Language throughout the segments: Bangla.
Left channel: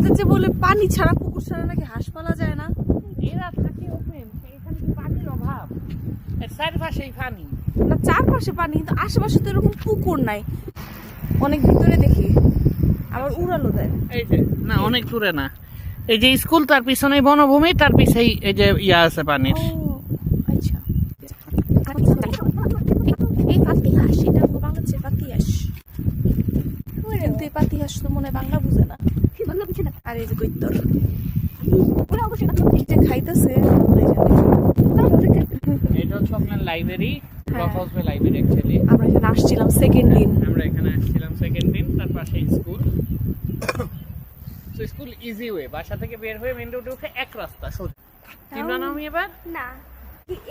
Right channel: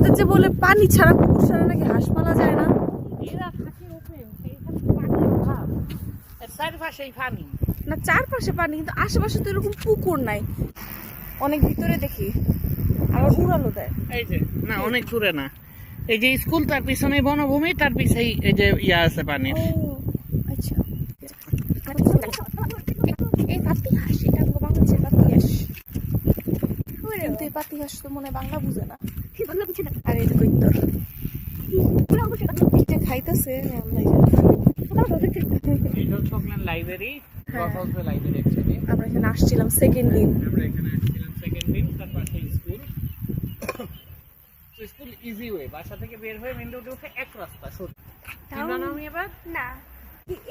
আমাদের যে বলে পানি ছাড়া পুকুর ছাড়া নাকি হাঁস পালা যায় না। এরা থাকে ওপেন, এইখানে তো পানির অভাব, এর চারপাশেই পানি। না চারপাশে পানি, কিন্তু আশেপাশে তো এরকম পুকুর নাই। অনেক ভিতরে দেখি, আবার উড়ালো দেয়। এই যে না, অনেক দূরে না, এই যে স্কুল তার পিছনে বনভূমি, তার পিছেই এই যে ইয়া আছে পানির। ও আচ্ছা, এই পাতি হাঁস, এটা বাংলাদেশের পাতি হাঁস, কিন্তু এই পাতি হাঁস তো মনে হয় বাংলা বুঝে না। আর এই যে কৈতর এটা খাইতেছে। এটা হচ্ছে আপনার লাইব্রেরি, ব্রকহাউসে লাইব্রেরি অ্যাকচুয়ালি। আমরা এখানে আসছিলাম সেকেন্ড দিন। আমরা এখানে আসছিলাম সেকেন্ড দিন, তার পাশে স্কুল। তো স্কুল ইজি ওয়ে, বাসা থেকে বের হয়ে মেন রোডে উঠে এক রাস্তা সোজা। কি বানাও আমি এবার না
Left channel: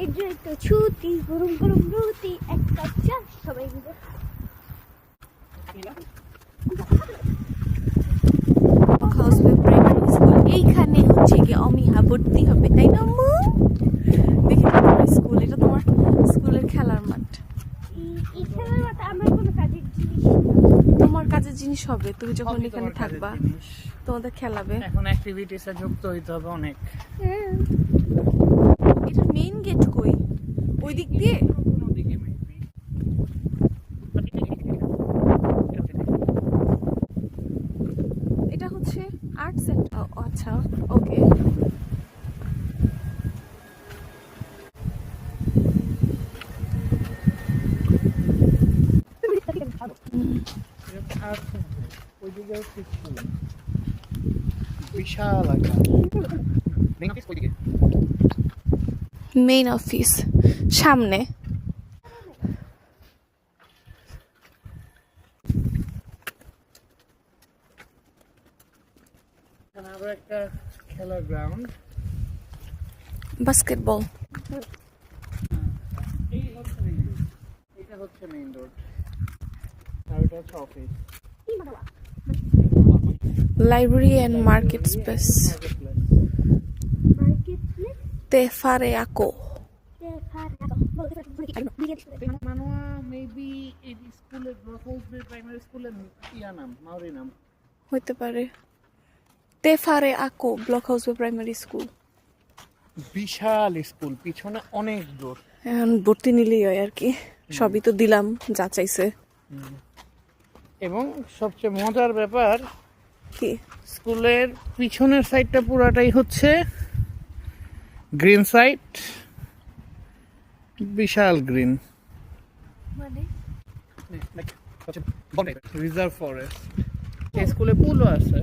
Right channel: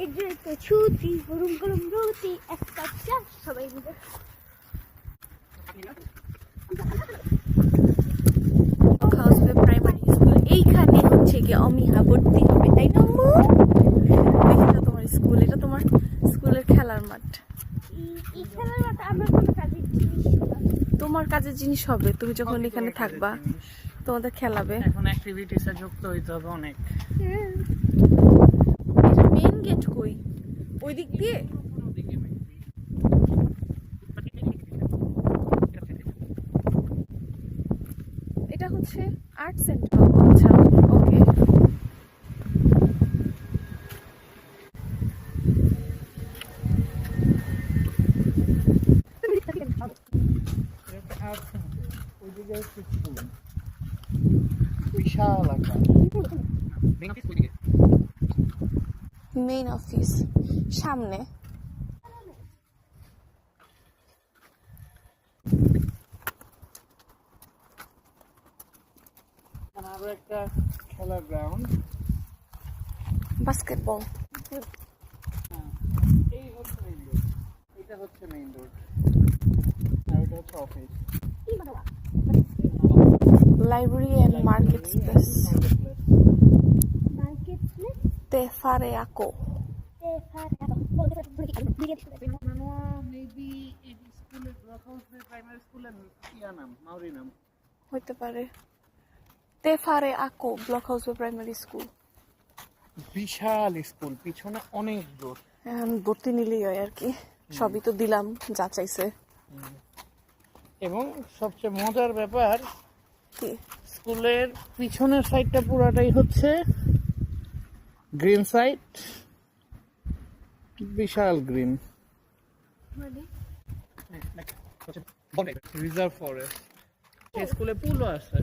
এগুলো তো ছুটি গরম গরম রুটি একটা চা সবাই মিলে ব্রকহাউসে প্রাইমারি স্কুল, এইখানে হচ্ছে কি অমিহা ভর্তি হবে, তাই না আম্মু? দেখো তোমার স্কুল, এটা তোমার স্কুলের খেলার মাঠ। এই খেলার মাঠে আমার কোনো কাজের জিনিস তোমার কাজের জিনিস হবে, তুমি যখন সবই এখানে তোমার কাজের থাকবা জিনিস। তোমাদের খেলাবে। এখন অ্যাক্টিভিটিসে যুক্ত হইতে হবে অনেক। এটা মেইন গেট কই? ওই দিক দিয়ে? কোনো দিকে maybe। এটা হচ্ছে আর্ট সেন্টার। আচ্ছা ওকে। ওইদিকে হচ্ছে স্কুল, বিশাল আকার। মেইন অফিস ওইদিকে। মেইন অফিস সামনে। এখানে আরো একটা খেলার গ্রাউন্ড। বাস্কেটবল। এই হচ্ছে মেইন রোড, এটা হচ্ছে মেইন রোড, আর এটা হচ্ছে office. Library and market space. Market place তেফারে আকো। মানুয়া মেবি এই স্কুলের ব্রকহাউস প্রাইমারি স্কুলের ইয়া নাম, মাউরি নাম হইতে পারে। তেফারে আকো ব্লকহাউস প্রাইমারি স্কুল। বিশাল স্কুল, পিছনে অনেক দূর। এখন ভর্তি নিলেই হয় আর কি, সবই তো দিলাম যা চাইছে। এবং সবচেয়ে মজার ব্যাপার, কি স্কুলের পিছনের সাইডটা পুরাটাই হচ্ছে গ্রিন সাইড, বিশাল গ্রিন, মানে রিজার্ভ ফরেস্ট। স্কুলে পুলও আছে।